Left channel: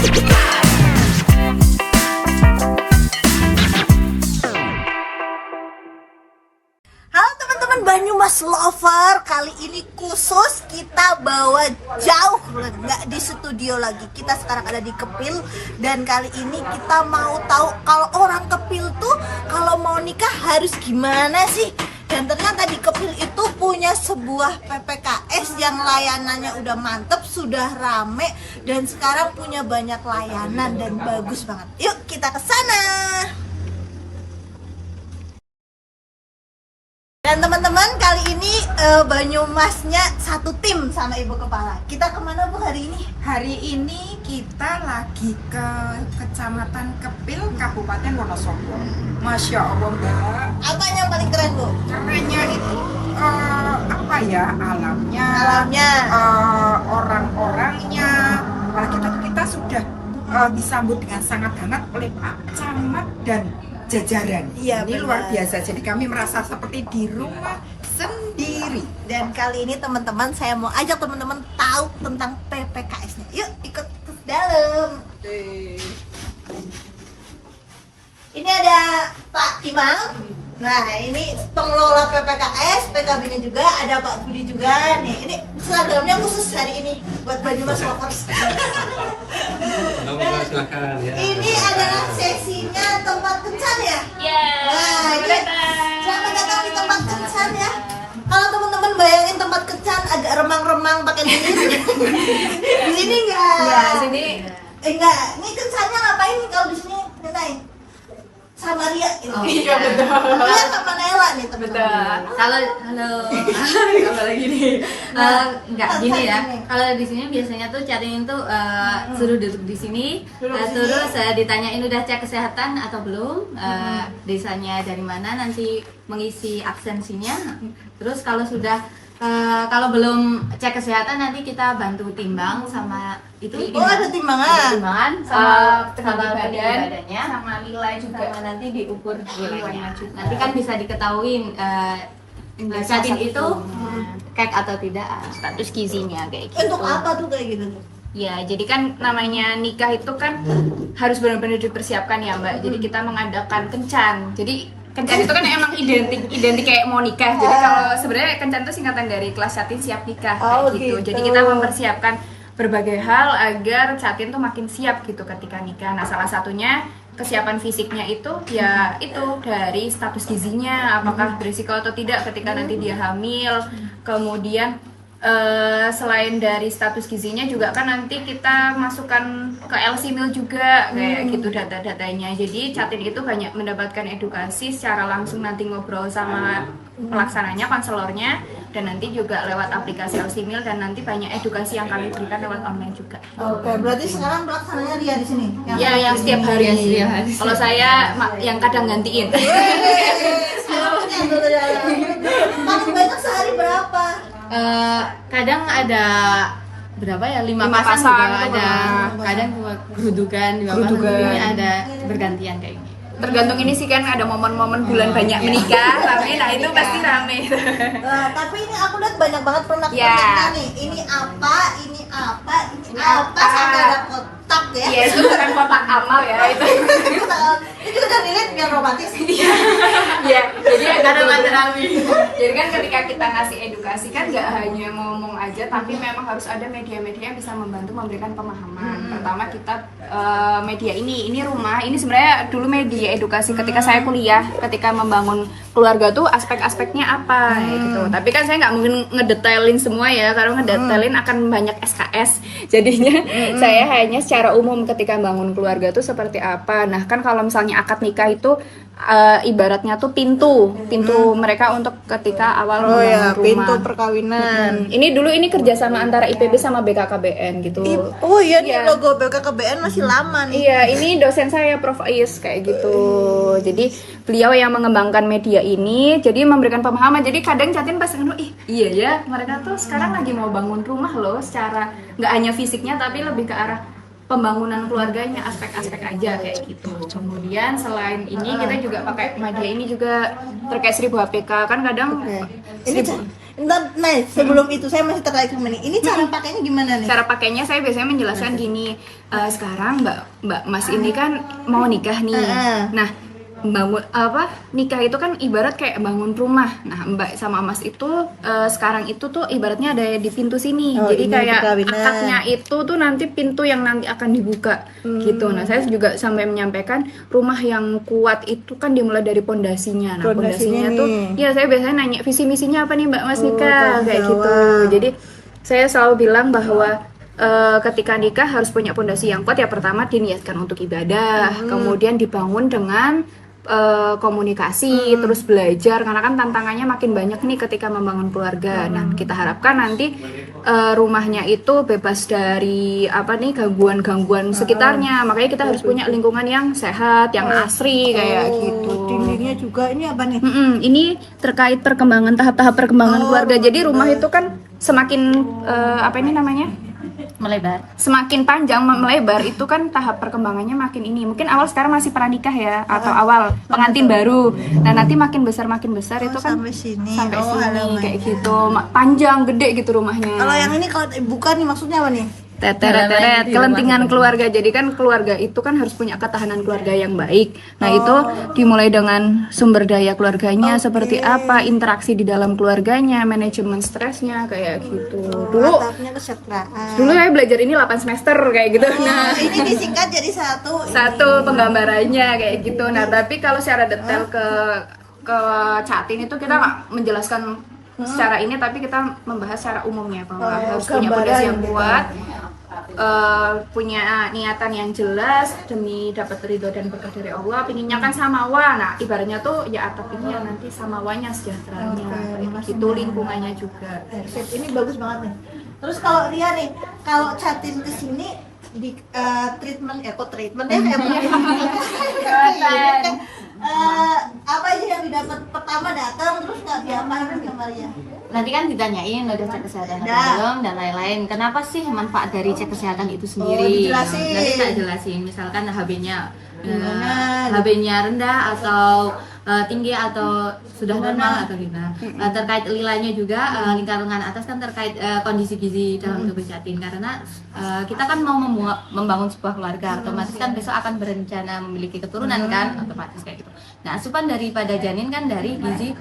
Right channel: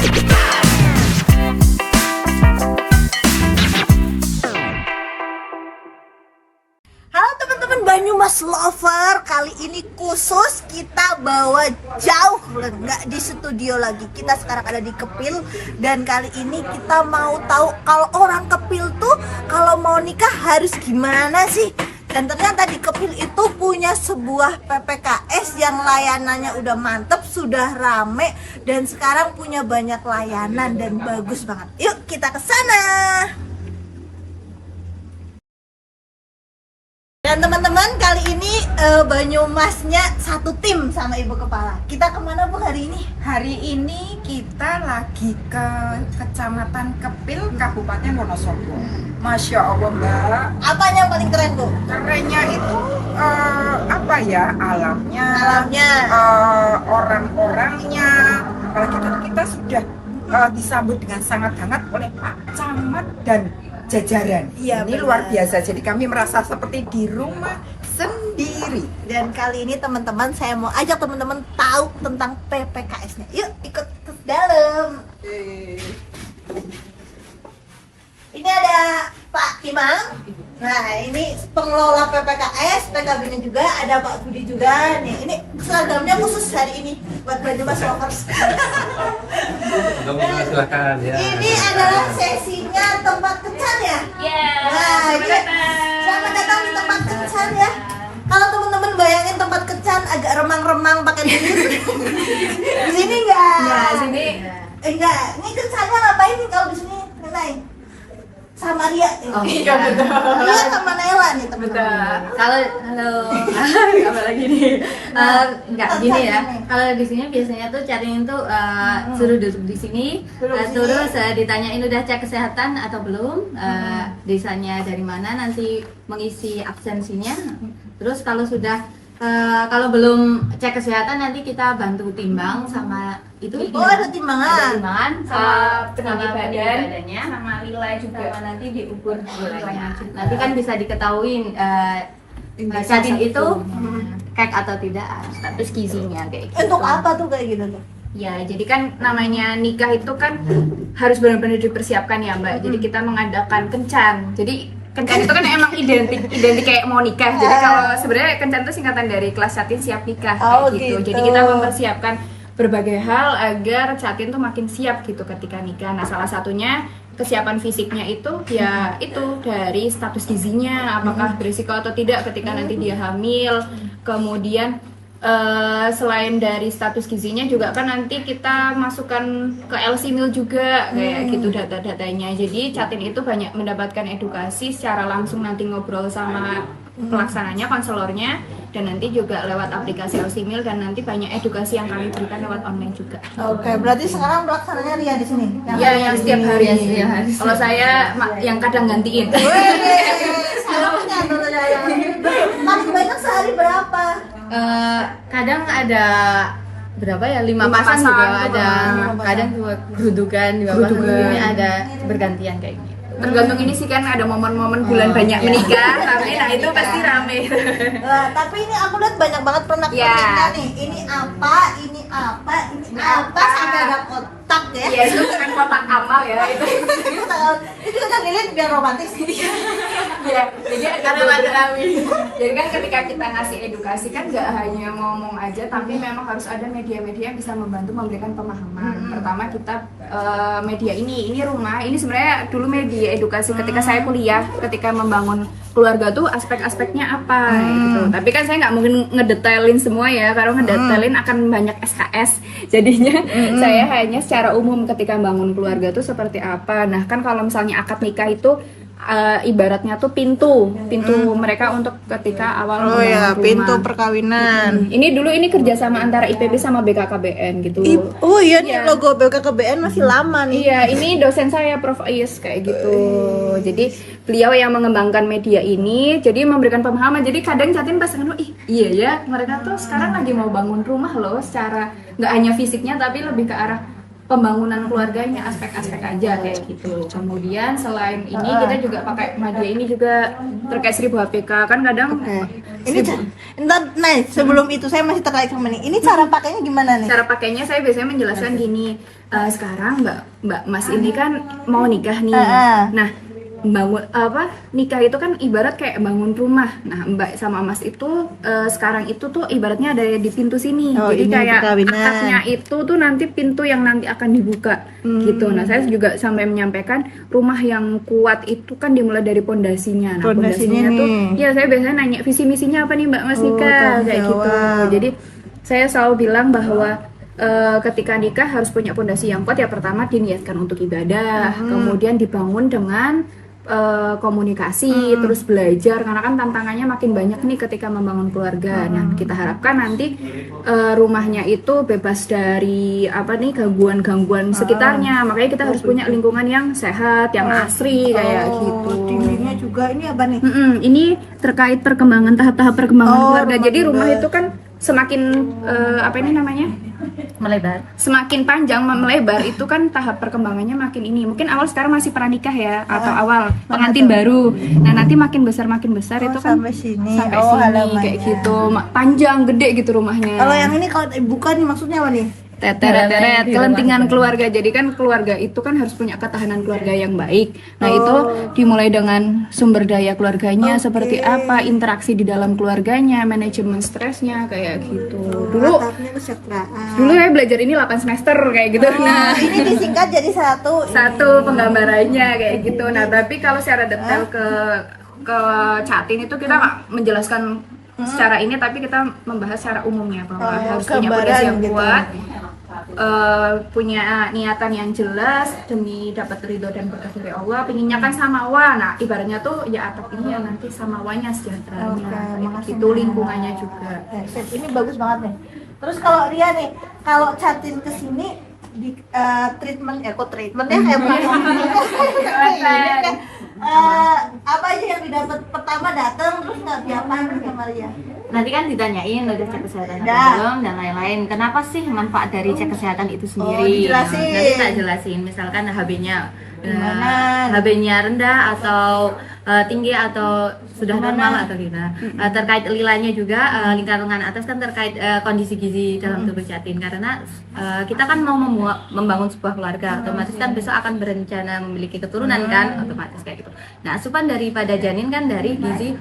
Halo teman-teman Banyumas Lover, kali ini khusus kita bawa jauh, nggak di studio lagi. Kita sekarang ada di Kepil dan kali ini kita mau tahu kalau orang Kepil tuh kalau mau nikah harus gimana sih? Dan ternyata di Kepil itu punya sebuah PPKS yang layanannya udah mantep, sudah rame dan sekarang punya banyak layanan dan bagus banget. Yuk kita ke sana. Dan teman-teman kali ini Banyumasnya satu tim sama Ibu Kepala. Kita kemana Bu hari ini? Hari ini kita lagi ke Kecamatan Kepil, Kabupaten Wonosobo. Masya Allah Mbak. Apanya yang paling keren Bu? Kerennya itu apa ya, alamnya, orang-orangnya. Apalagi kita sudah disambut dengan sangat hangat oleh Pak Camat dan jajaran. Iya, Ini benar. luar biasa. Jadi kami merasa seperti di rumah sendiri. Dan kali ini teman-teman saya mau ajak teman-teman tahu tentang PPKS-nya. Yuk ikut ke dalam. Ini ada Pak Imam. Nah ini pengelola PPKS, PKB-nya juga ada Pak Budi juga. Nih ini seragamnya khusus hari ini buat Banyumas Lovers. Silakan ya. Ini adalah sesinya tempat kencan ya. Nah ini selamat datang di tempat kencan ya. Kalau teman-teman bayangin tempat kencan agak remang-remang pakai lilin. Di sini enggak. Enggak. Ini kencannya ngapain nih kalau di sini? Kenai. Sama Ria. Oh, iya betul. Ria sama Nela nih teman-teman. Kalau halo, apa lagi nih? Enggak gini ya. Kalau di sini biasanya tuh cariin tuh suruh duduk di sini, terus ditanyain udah cek kesehatan atau belum, desanya dari mana, nanti mengisi absensinya. Terus kalau sudah kalau belum cek kesehatan nanti kita bantu timbang sama itu. Oh ada timbangan. Ada timbangan sama tinggi badan, badannya, sama nilai juga. sama nanti diukur nilainya. Nanti kan bisa diketahui catin itu kek atau tidak, status gizinya kayak gitu. Untuk apa tuh kayak gitu tuh? Ya, jadi kan namanya nikah itu kan harus benar-benar dipersiapkan ya Mbak. Jadi kita mengadakan kencan. Jadi kencan itu kan emang identik kayak mau nikah. Jadi kalau sebenarnya kencan itu singkatan dari kelas Catin Siap Nikah kayak gitu. gitu. Jadi kita mempersiapkan berbagai hal agar Catin tuh makin siap gitu ketika nikah. Nah, salah satunya kesiapan fisiknya itu ya itu dari status gizinya, apakah berisiko atau tidak ketika nanti dia hamil. Kemudian selain dari status gizinya juga kan nanti kita masukkan ke LC Mil juga kayak gitu data-datanya. Jadi Catin itu banyak mendapatkan edukasi secara langsung, nanti ngobrol sama pelaksananya, konselornya, dan nanti juga lewat aplikasi LC Mil, dan nanti banyak edukasi yang kami berikan lewat online juga. Oke, berarti sekarang pelaksananya Ria di sini. Ya, yang setiap hari. Kalau saya yang kadang gantiin. Paling banyak sehari berapa? Kadang ada berapa ya, 5 5 pasang pasang juga ada, kadang juga gerudukan 2 pasang, ini ada bergantian kayak gini. Tergantung ini sih kan ada momen-momen bulan banyak iya. nikah, rame, nah itu pasti rame. Tapi ini aku lihat banyak banget pernak-perniknya Ya. nih. Ini apa, ini apa, ini apa, sampai ada kotak ya. Iya, itu bukan kotak amal ya itu. Itu juga dilihat biar romantis. Iya, jadi ada Jadi kan ketika kita ngasih edukasi kan nggak hanya ngomong aja, tapi memang harus ada media-media yang bisa membantu memberikan pemahaman. Pertama kita media ini rumah, ini sebenarnya dulu media edukasi ketika saya kuliah, ketika membangun keluarga tuh aspek-aspeknya apa gitu. Tapi kan saya nggak mungkin ngedetailin semua ya, kalau ngedetailin akan banyak SKS. Jadinya saya hanya secara umum ketika bangun keluarga tuh seperti apa. Nah kan kalau misalnya akad nikah itu ibaratnya tuh pintu mereka untuk ketika awal membangun rumah. Pintu perkawinan. Ini kerjasama antara IPB sama BKKBN gitu. Oh iya, nih Iya. logo BKKBN masih lama nih. Iya, ini dosen saya Prof. Ais kayak gitu. Jadi beliau yang mengembangkan media ini, jadi memberikan pemahaman. Jadi kadang Catin pas ngomong, iya ya, mereka tuh sekarang lagi mau bangun rumah loh, secara nggak hanya fisiknya tapi lebih ke arah pembangunan keluarganya, aspek-aspek aja kayak gitu. Kemudian selain ini kita juga pakai media ini juga terkait 1000 HPK kan kadang Ini entar, nah sebelum itu saya masih terkait sama ini cara pakainya gimana nih? cara pakainya saya biasanya menjelaskan gini, sekarang Mbak Mas ini kan mau nikah nih. Nah, bangun nikah itu kan ibarat kayak bangun rumah. Nah, Mbak sama Mas itu sekarang itu tuh ibaratnya ada di pintu sini. Jadi ini kayak perkawinan. akadnya itu tuh nanti pintu yang nanti akan dibuka gitu. Nah, saya juga sampai menyampaikan rumah yang kuat itu kan dimulai dari pondasinya. Nah, pondasinya tuh ya saya biasanya nanya visi misinya apa nih Mbak Mas nikah kayak gitu. Jadi saya selalu bilang bahwa ketika nikah harus punya pondasi yang kuat. Ya pertama diniatkan untuk ibadah, kemudian dibangun dengan komunikasi, terus belajar karena kan tantangannya makin banyak nih ketika membangun keluarga. Nah, kita harapkan nanti rumahnya itu bebas dari gangguan-gangguan sekitarnya. Makanya kita harus punya lingkungan yang sehat, yang asri kayak gitu. Dindingnya juga ini apa nih? Ini terkait tahap-tahap perkembangan keluarga. Jadi rumah itu kan semakin Melebar. semakin panjang melebar itu kan tahap perkembangannya makin ini. Mungkin awal sekarang masih pranikah ya atau awal pengantin baru. Nah, nanti makin besar itu kan Sampai sini. sampai Oh, sini halamannya. kayak gitu. Panjang gede gitu rumahnya. Kalau yang ini kalau bukan nih maksudnya apa nih? Teret, kelentingan keluarga. Jadi kan keluarga itu kan harus punya ketahanan keluarga yang baik. Nah, itu dimulai dengan sumber daya keluarganya seperti apa, interaksi di dalam keluarganya, manajemen stresnya kayak gitu. Dulu Atapnya kesejahteraan. ya belajar ini 8 semester kayak gitu. Nah, Ini disingkat jadi satu. satu penggambarannya kayak gitu. Nah, tapi kalau secara detail ke Catin itu kita nggak menjelaskan secara ini, tapi kita membahas secara umumnya bahwa harus punya fondasi yang kuat, punya niatan yang jelas demi dapat ridho dan berkah dari Allah. Pinginnya kan samawa. Nah, ibaratnya tuh ya atap ini yang nanti samawanya sejahteranya kayak gitu, lingkungannya juga. Ini bagus banget nih. Terus kalau Ria nih, kalau Catin kesini di treatment ya apa aja yang didapat pertama datang terus nggak diapain sama Ria? Nanti kan ditanyain udah cek kesehatan atau Udah. belum dan lain-lain. Kenapa sih manfaat dari cek kesehatan itu sendiri? dijelasin. Nanti tak jelasin. Misalkan HB-nya Gimana? HB-nya rendah atau tinggi atau sudah normal atau gimana. Terkait lilanya juga lingkaran atas kan terkait kondisi gizi dalam tubuh Catin, karena kita kan mau membangun sebuah keluarga, otomatis kan besok akan berencana memiliki keturunan kan, otomatis kayak gitu. Nah, asupan daripada janin kan dari gizi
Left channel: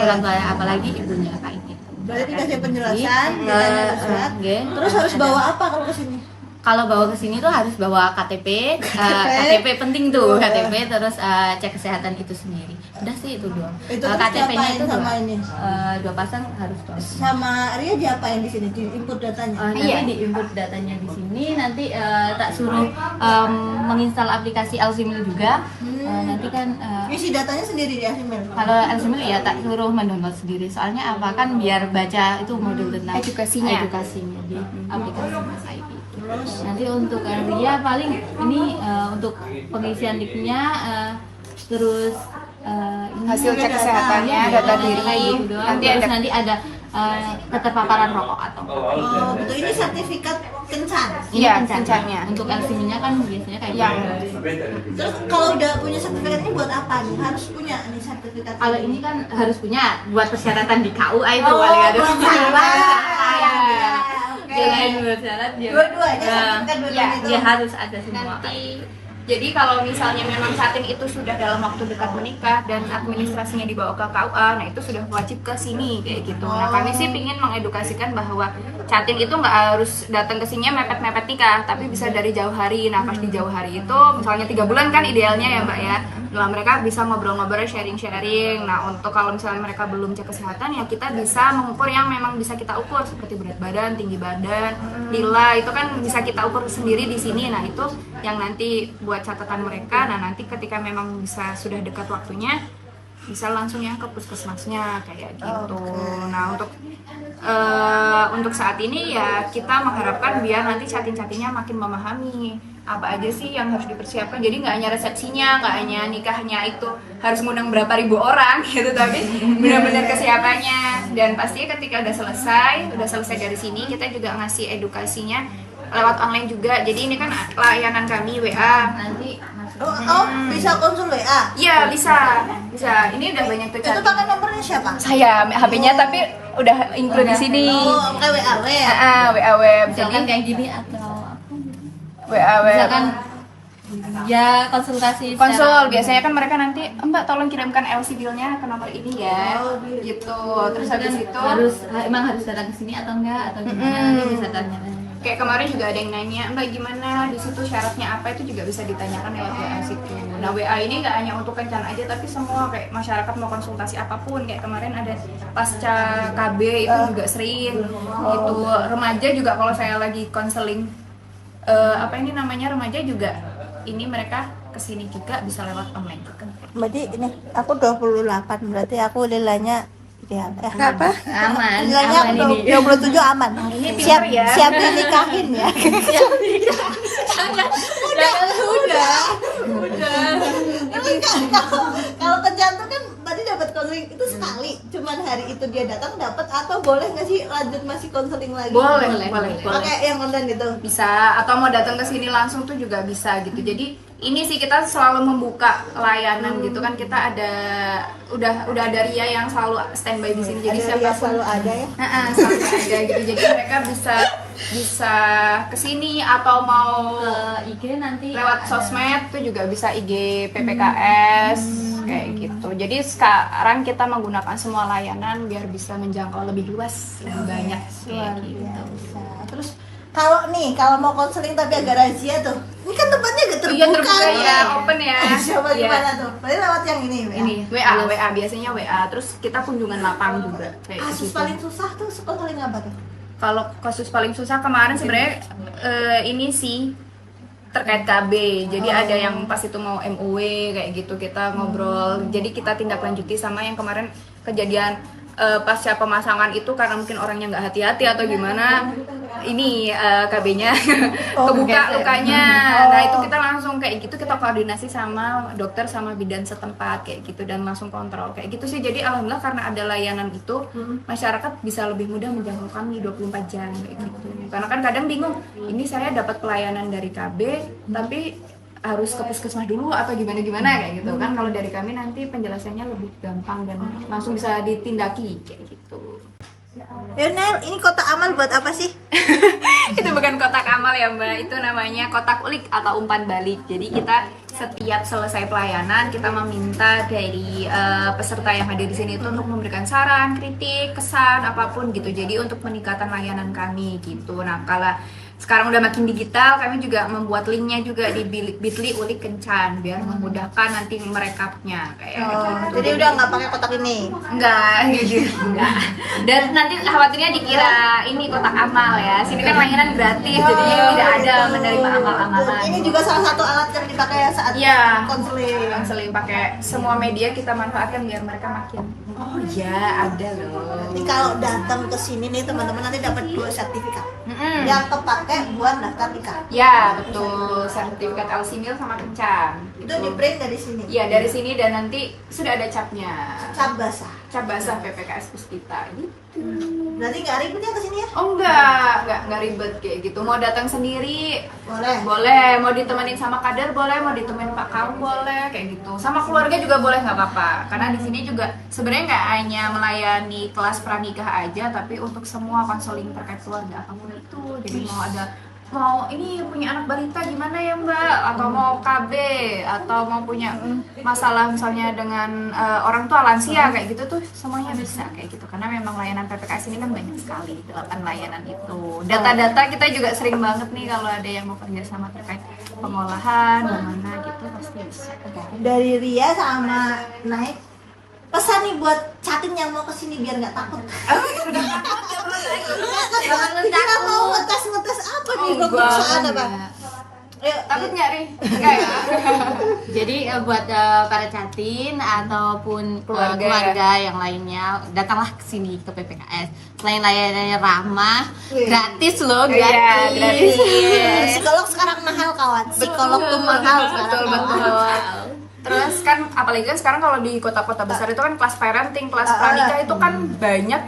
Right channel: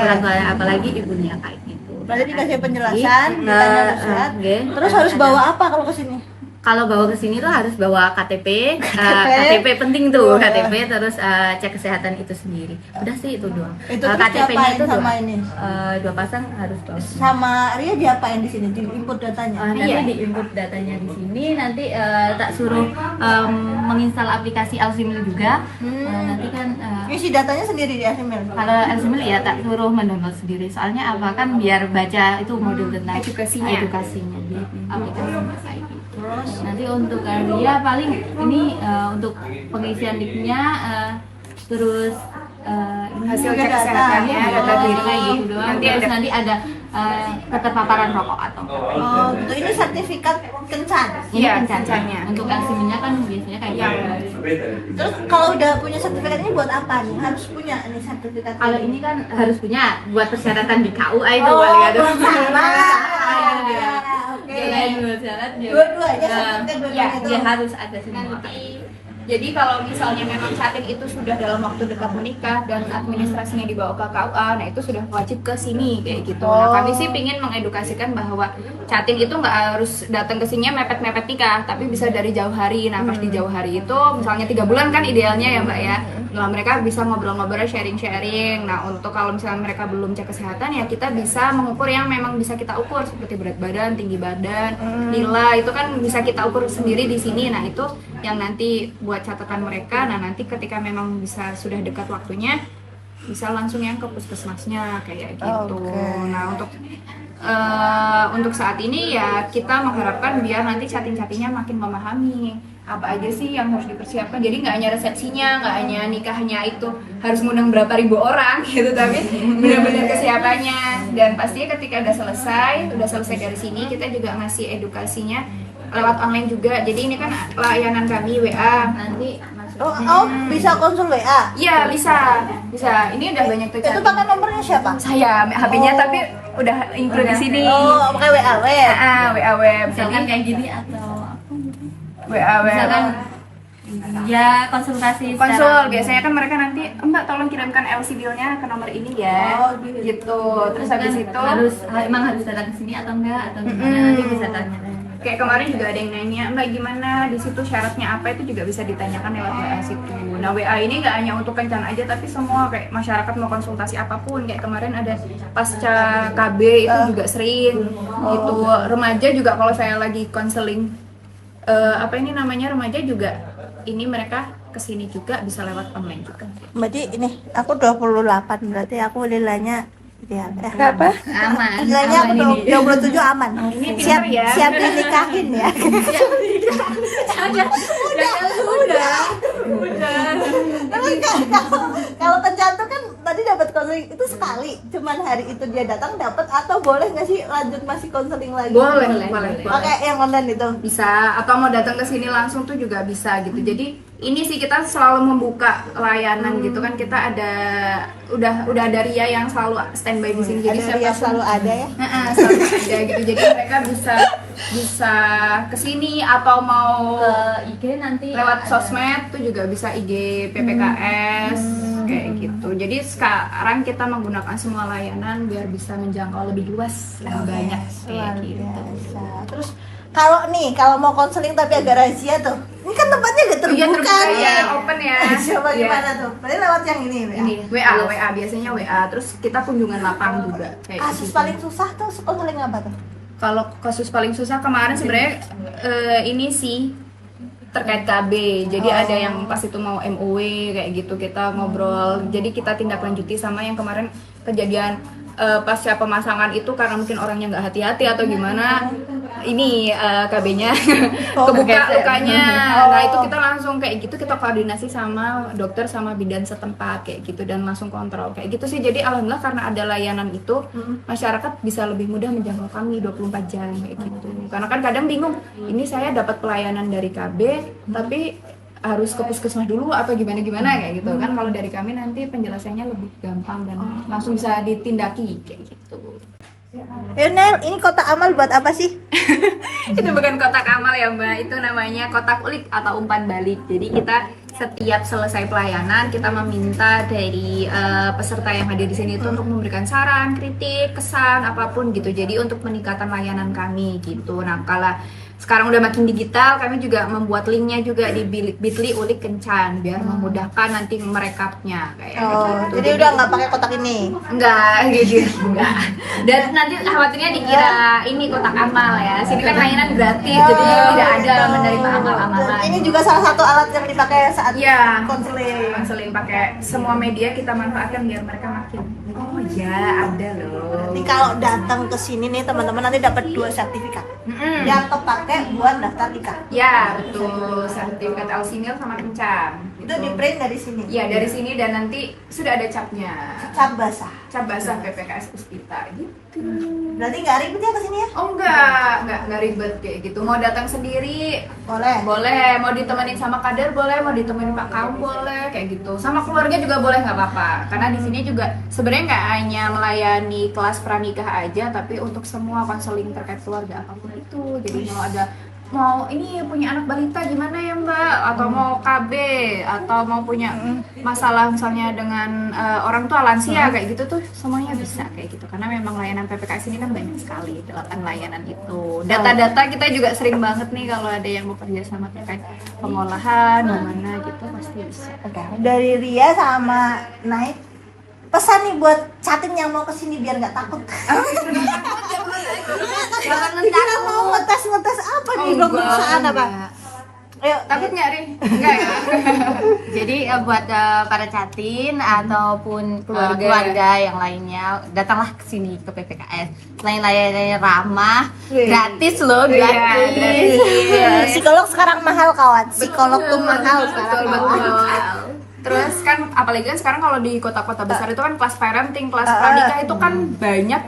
orang tua, apalagi ibunya kayak gitu. Nanti dikasih penjelasan, Jadi, ditanya surat. nggih. Terus harus bawa apa kalau kesini? Kalau bawa ke sini tuh harus bawa KTP, KTP penting tuh, KTP, terus cek kesehatan itu sendiri. Udah sih itu doang. Itu terus KTP-nya itu diapain dua, sama ini? dua pasang harus bawa. Sama Ria diapain di sini? Di input datanya. Nanti di input datanya di sini, nanti tak suruh menginstal aplikasi Alsimil juga. Nanti kan Isi datanya sendiri di Asimil. kalau Alsimil ya tak suruh mendownload sendiri. Soalnya apa kan biar baca itu modul tentang edukasinya di aplikasinya kayak gitu. Nanti untuk Ria paling ini untuk pengisian NIK-nya terus Hasil cek kesehatannya, data diri, kayak gitu doang. nanti Terus ada- nanti ada keterpaparan rokok atau Oh, gitu. Ini sertifikat kencan. ini Iya, kencannya. kencannya. Untuk LCM-nya kan biasanya kayak gitu. Terus kalau udah punya sertifikat ini buat apa nih? Harus punya nih sertifikat. Kalau ini kan harus punya buat persyaratan di KUA itu Oh, kali ada. buat salah. Ya, oke. Jangan buat syarat ya. Dua-duanya sertifikat dua-duanya itu. Ya harus ada semua. Jadi kalau misalnya memang Catin itu sudah dalam waktu dekat menikah dan administrasinya dibawa ke KUA, nah itu sudah wajib ke sini kayak gitu. Nah, kami sih ingin mengedukasikan bahwa Catin itu nggak harus datang ke sini mepet-mepet nikah, tapi bisa dari jauh hari. Nah, pas di jauh hari itu misalnya 3 bulan kan idealnya ya Mbak ya. Nah, mereka bisa ngobrol-ngobrol, sharing-sharing. Nah, untuk kalau misalnya mereka belum cek kesehatan ya kita bisa mengukur yang memang bisa kita ukur seperti berat badan, tinggi badan, nilai itu kan bisa kita ukur sendiri di sini. Nah, itu yang nanti buat catatan mereka. Nah, nanti ketika memang bisa sudah dekat waktunya bisa langsung yang ke puskesmasnya kayak gitu. Nah, untuk saat ini ya kita mengharapkan biar nanti catin-catinnya makin memahami apa aja sih yang harus dipersiapkan. Jadi nggak hanya resepsinya, nggak hanya nikahnya itu harus ngundang berapa ribu orang gitu, tapi benar-benar kesiapannya. Dan pastinya ketika udah selesai dari sini kita juga ngasih edukasinya lewat online juga. Jadi ini kan layanan kami WA. Nanti Bisa konsul WA. Iya bisa. Ini udah banyak tuh Itu pakai nomornya siapa? saya HP-nya tapi udah include di sini. Oh, pakai WA. WA web. misalkan Jadi kayak gini atau apa gitu. WA web. Misalkan ya konsultasi Konsul secara- biasanya kan mereka nanti Mbak tolong kirimkan LC bill-nya ke nomor ini ya. Oh, Gitu. Terus habis itu emang harus datang ke sini atau enggak atau gimana nanti bisa tanya-tanya. kayak kemarin juga ada yang nanya Mbak gimana di situ syaratnya apa, itu juga bisa ditanyakan lewat WA situ. Nah WA ini nggak hanya untuk kencan aja tapi semua kayak masyarakat mau konsultasi apapun, kayak kemarin ada pasca KB itu juga sering gitu. Remaja juga kalau saya lagi konseling apa ini namanya remaja juga ini mereka kesini juga bisa lewat online juga. Berarti ini aku 28 berarti aku nilainya ideal. Berapa? Aman. Nilainya aku aman ini. 27 aman. Siap ya. siap dinikahin ya. Udah. Tapi kalau kencan tuh kan tadi dapat konseling itu sekali, cuman hari itu dia datang dapat atau boleh nggak sih lanjut masih konseling lagi? Boleh. Pakai yang online itu. Bisa, atau mau datang ke sini langsung tuh juga bisa gitu. Jadi ini sih kita selalu membuka layanan gitu kan, kita ada udah ada Ria yang selalu standby di sini. Jadi siapapun ada ya. selalu ada gitu. Jadi mereka bisa ke sini atau mau IG nanti lewat ada. sosmed tuh juga bisa IG PPKS kayak gitu. Jadi sekarang kita menggunakan semua layanan biar bisa menjangkau lebih luas, lebih banyak kayak gitu. Terus kalau mau konseling tapi agak rahasia tuh. Ini kan tempatnya agak terbuka, Iya, terbuka nih. ya, open ya. Coba Iya. gimana tuh? Berarti lewat yang ini ya. Ini WA biasanya WA, terus kita kunjungan lapang juga kayak Kasus gitu. paling susah tuh konseling apa tuh? Kalau kasus paling susah kemarin sebenarnya ini sih terkait KB. Jadi ada yang pas itu mau MOW kayak gitu, kita ngobrol. Jadi kita tindak lanjuti sama yang kemarin kejadian pasca pemasangan itu karena mungkin orangnya nggak hati-hati atau gimana. Ini KB-nya kebuka lukanya. Nah itu kita langsung kayak gitu, kita koordinasi sama dokter sama bidan setempat kayak gitu dan langsung kontrol kayak gitu sih. Jadi alhamdulillah karena ada layanan itu masyarakat bisa lebih mudah menjangkau kami 24 jam kayak gitu. Karena kan kadang bingung, ini saya dapat pelayanan dari KB tapi harus ke puskesmas dulu atau gimana kayak gitu kan. Kalau dari kami nanti penjelasannya lebih gampang dan langsung bisa ditindaki kayak gitu. Nel, ini kotak amal buat apa sih? Itu bukan kotak amal ya Mbak, itu namanya kotak ulik atau umpan balik. Jadi kita setiap selesai pelayanan kita meminta dari peserta yang hadir di sini itu untuk memberikan saran, kritik, kesan apapun gitu. Jadi untuk peningkatan layanan kami gitu. Nah kalau sekarang udah makin digital, kami juga membuat linknya juga di Bitly Ulik Kencan biar memudahkan nanti merekapnya kayak gitu. Jadi udah nggak pakai kotak ini. Enggak. Dan nanti khawatirnya dikira ini kotak amal ya. Sini kan layanan gratis, jadi tidak ada menerima amal-amalan. Ini juga salah satu alat yang dipakai saat Iya. konseling. Yang seling pakai semua media kita manfaatkan biar mereka makin. Oh ya ada loh. Nanti kalau datang ke sini nih teman-teman nanti dapat 2 sertifikat. Mm-mm. Yang kepake buat daftar nikah. Ya betul, sertifikat LC-Mil sama kencan. Itu di print dari sini. Iya dari sini dan nanti sudah ada capnya. Cap basah. Cap basah PPKS Puspita gitu. Berarti nggak ribet ya ke sini ya? Oh enggak ribet kayak gitu. Mau datang sendiri boleh, mau ditemenin sama kader boleh, mau ditemenin Pak Kaum boleh kayak gitu. Sama keluarga juga boleh nggak apa-apa. Karena di sini juga sebenarnya nggak hanya melayani kelas pranikah aja, tapi untuk semua konseling terkait keluarga apapun itu. Jadi mau ini punya anak balita gimana ya Mbak, atau mau KB atau mau punya masalah misalnya dengan orang tua lansia kayak gitu tuh semuanya bisa kayak gitu. Karena memang layanan PPKS ini kan banyak sekali, 8 layanan itu. Data-data kita juga sering banget nih kalau ada yang bekerja sama terkait pengolahan gimana gitu pasti bisa. Dari Ria sama Naik pesan nih buat catin yang mau kesini biar nggak takut. Jangan Kita mau ngetes apa nih pemeriksaan apa? Ayo, Takut nggak Ri? Enggak ya? Jadi buat para catin ataupun keluarga yang lainnya datanglah ke sini ke PPKS. Selain layanannya ramah, gratis loh, gratis. Psikolog sekarang mahal kawan. Psikolog tuh mahal sekarang Betul, kawan. betul. Terus kan kan apalagi kan sekarang kalau di kota-kota besar itu kan kelas parenting, kelas pranikah itu kan banyak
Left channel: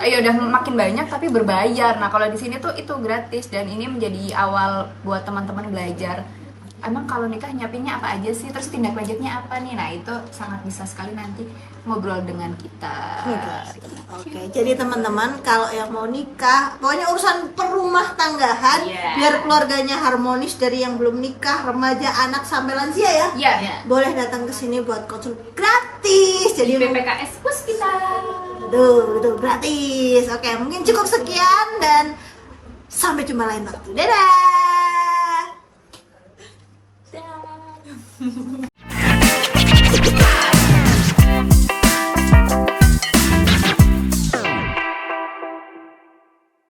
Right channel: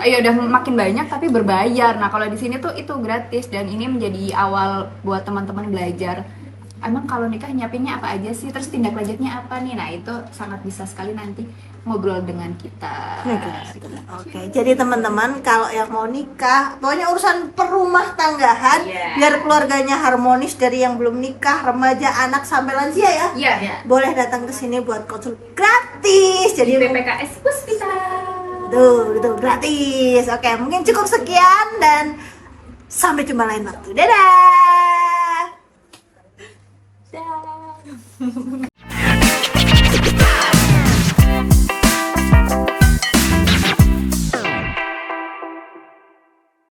ya udah makin banyak tapi berbayar. Nah, kalau di sini tuh itu gratis dan ini menjadi awal buat teman-teman belajar. Emang kalau nikah nyiapinnya apa aja sih? Terus tindak lanjutnya apa nih? Nah, itu sangat bisa sekali nanti ngobrol dengan kita. Oke, jadi teman-teman kalau yang mau nikah, pokoknya urusan perumah tanggahan, biar keluarganya harmonis dari yang belum nikah, remaja, anak sampai lansia ya. Iya. Boleh datang ke sini buat konsul gratis. Jadi BPKS Puspita. tuh gratis. Oke, mungkin cukup sekian dan sampai jumpa lain waktu. Dadah. Dah.